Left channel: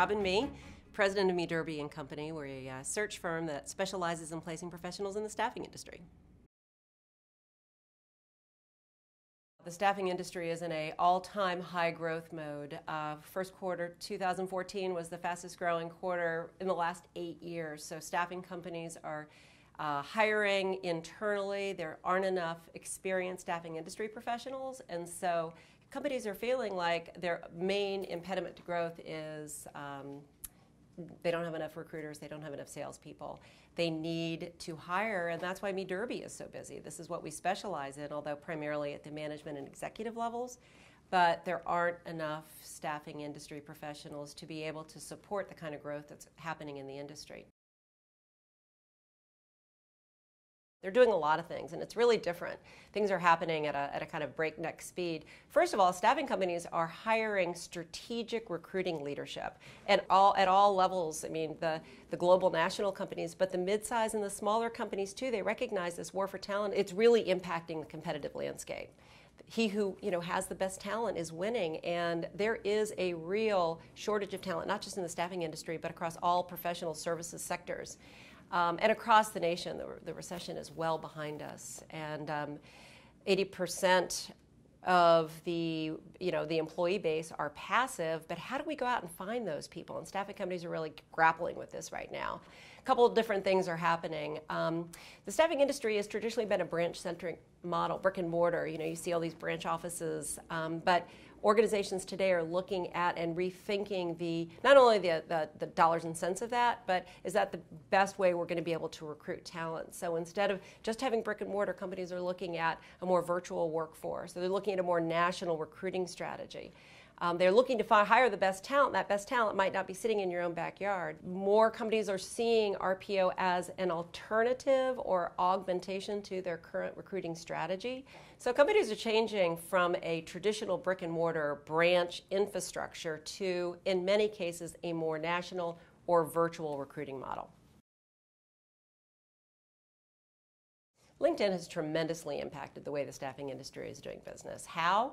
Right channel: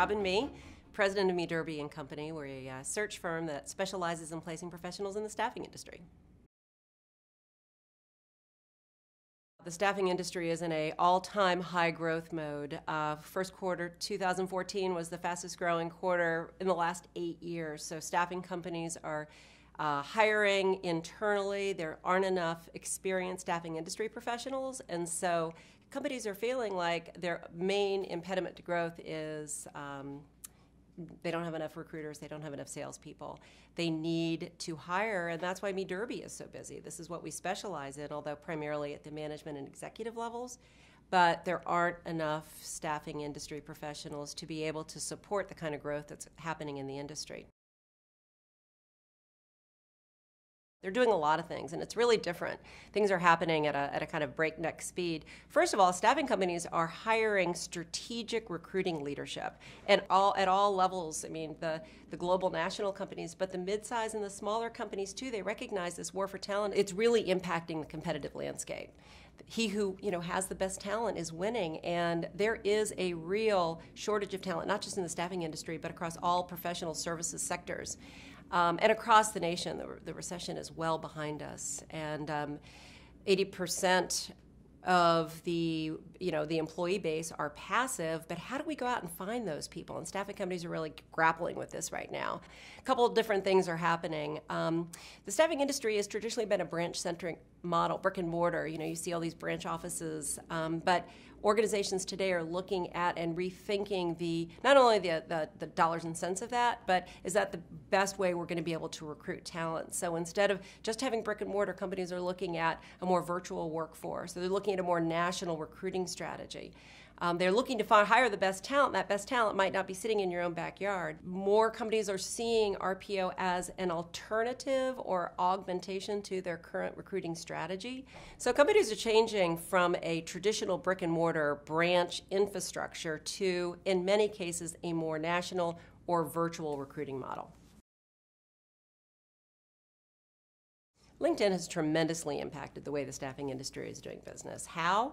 Robin Mee, president of Mee Derby and Company. We're a search firm that specializes in placing professionals in the staffing industry. The staffing industry is in an all-time high growth mode. First quarter 2014 was the fastest growing quarter in the last 8 years. So staffing companies are hiring internally. There aren't enough experienced staffing industry professionals, and so companies are feeling like their main impediment to growth is they don't have enough recruiters, they don't have enough salespeople. They need to hire, and that's why Mee Derby is so busy. This is what we specialize in, although primarily at the management and executive levels. But there aren't enough staffing industry professionals to be able to support the kind of growth that's happening in the industry. They're doing a lot of things, and it's really different. Things are happening at a kind of breakneck speed. First of all, staffing companies are hiring strategic recruiting leadership at all levels. I mean, the global national companies, but the mid-size and the smaller companies too, they recognize this war for talent. It's really impacting the competitive landscape. He who has the best talent is winning, and there is a real shortage of talent, not just in the staffing industry, but across all professional services sectors. And across the nation, the recession is well behind us, and 80% of the employee base are passive. But how do we go out and find those people? And staffing companies are really grappling with this right now. A couple of different things are happening. The staffing industry has traditionally been a branch-centric model, brick and mortar. You see all these branch offices, but organizations today are looking at and rethinking not only the dollars and cents of that, but is that the best way we're going to be able to recruit talent? So instead of just having brick and mortar, companies are looking at a more virtual workforce. So they're looking at a more national recruiting strategy. They're looking to hire the best talent. That best talent might not be sitting in your own backyard. More companies are seeing RPO as an alternative or augmentation to their current recruiting strategy. So companies are changing from a traditional brick and mortar branch infrastructure to, in many cases, a more national or virtual recruiting model. LinkedIn has tremendously impacted the way the staffing industry is doing business. How?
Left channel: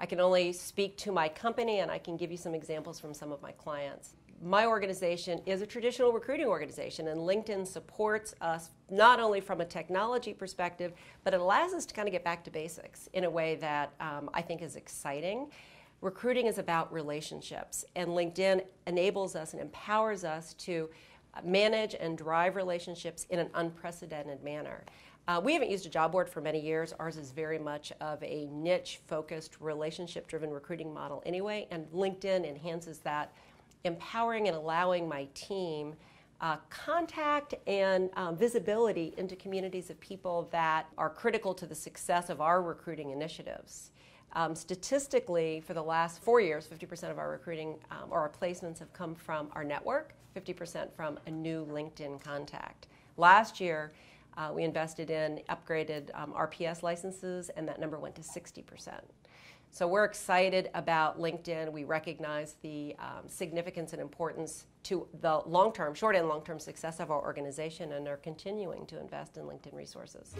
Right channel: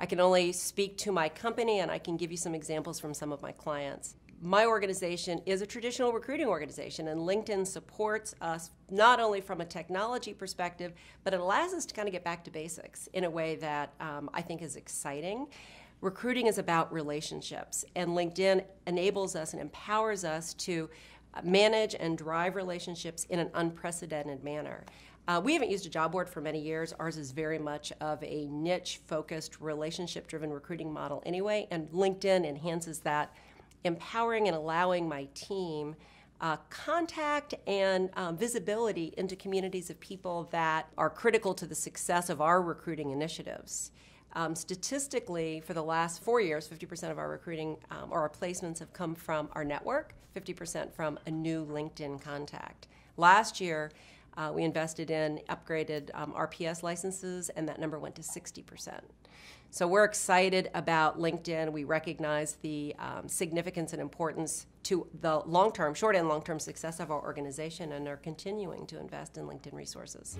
I can only speak to my company, and I can give you some examples from some of my clients. My organization is a traditional recruiting organization, and LinkedIn supports us not only from a technology perspective, but it allows us to kind of get back to basics in a way that I think is exciting. Recruiting is about relationships, and LinkedIn enables us and empowers us to manage and drive relationships in an unprecedented manner. We haven't used a job board for many years. Ours is very much of a niche-focused, relationship-driven recruiting model anyway, and LinkedIn enhances that, empowering and allowing my team contact and visibility into communities of people that are critical to the success of our recruiting initiatives. Statistically, for the last 4 years, 50% of our recruiting or our placements have come from our network, 50% from a new LinkedIn contact. Last year, we invested in upgraded RPS licenses, and that number went to 60%. So we're excited about LinkedIn. We recognize the significance and importance to the long-term, short and long-term success of our organization, and are continuing to invest in LinkedIn resources.